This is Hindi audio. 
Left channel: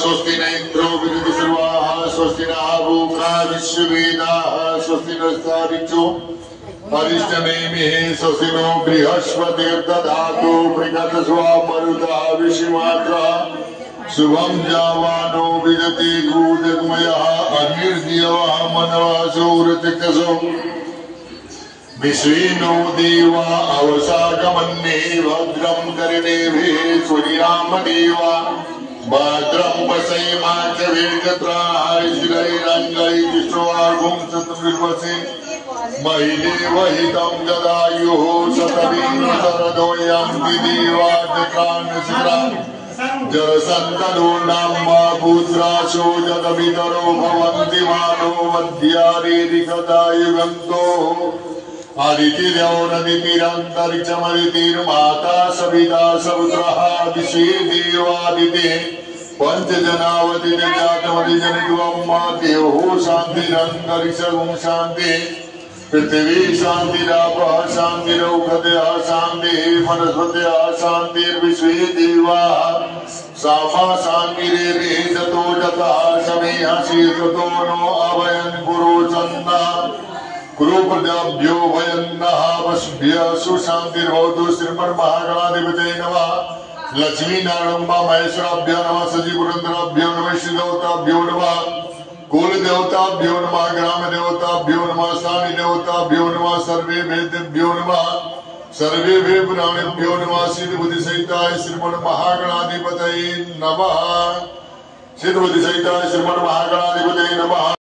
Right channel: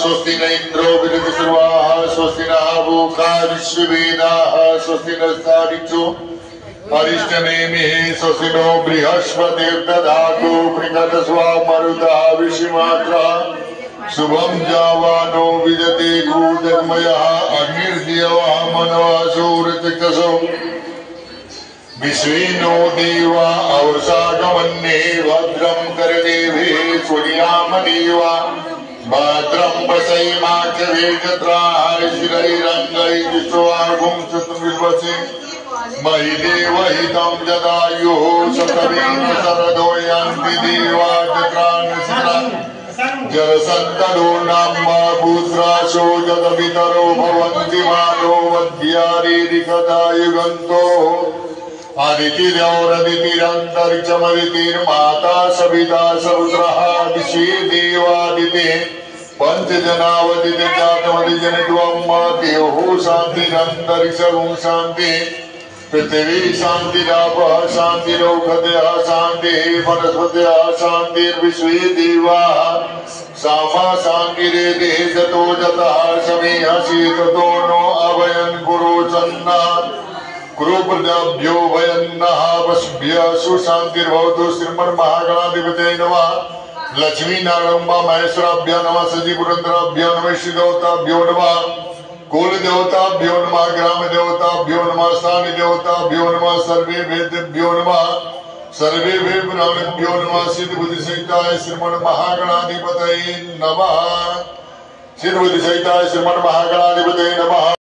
स्वस्ति न इंद्रो विरतिर्वाः स्वस्ति नः भूखा विश्ववेदाः स्वस्ति नस्तारिक्षो परिष्टनेमिः स्वस्ति नो बृहस्पतिर्दधातु पृषत्स्वा मरुतः विश्वमात्रः शुभं जावानो विदते कूजन्मयः अग्निर्दिवः मनवः सूर्यचक्षुषो विश्वेनो देवा अवसागमन्ये भद्रं कर्णेभिः स्वरियामदेवा भद्रं वसैमाख्यवेगत्राः शिरैरङ्गैर्विश्वागुं शतविर्वसे महिदेवहितं जदायुः शतवीन शरदो यान्ति देवा जत्रान्नशिरा जरसन्तनो नाम्मा पुत्राशो जदमितरो भवन्ति मानो मध्यारेरिकदायुगन्तो आदितिरौरदितिरन्तरिक्षमदितिर्माता सविता सपुत्रः विश्वे देवादिते पंचजनावदितिर्जातमदिजनत्वं देवो शान्तिरन्तरिक्षगुं शान्ति पृथिवी शान्तिरापः शान्तिरौषधयः शान्तिः वनस्पतयः शान्तिर्विश्वे देवाः सामा शान्तिरेति जतो जतः समेहसि ततो नो अभयं कुरु सन्ना कुरु प्रजाभ्यो वयन्नः वशभ्यः सुशान्तिर्भवतु श्रीमन्महागणाधिपतये नमः लक्ष्मी नारायण महेश्वराभ्यो नमः सजीपुरंदराभ्यो नमः श्रीदेवताभ्यो नमः कुल देवताभ्यो नमः ग्राम देवताभ्यो नमः स्थानीय देवताभ्यो नमः सर्वे वेदेभ्यो नमः सर्वे ब्राह्मणेभ्यो नमः सिद्धबुद्धिसहिताय श्रीमन्महागणाधिपतये नमः सिद्धबुद्धिसहिताय श्रीमन्महागणाधिपतये नमः।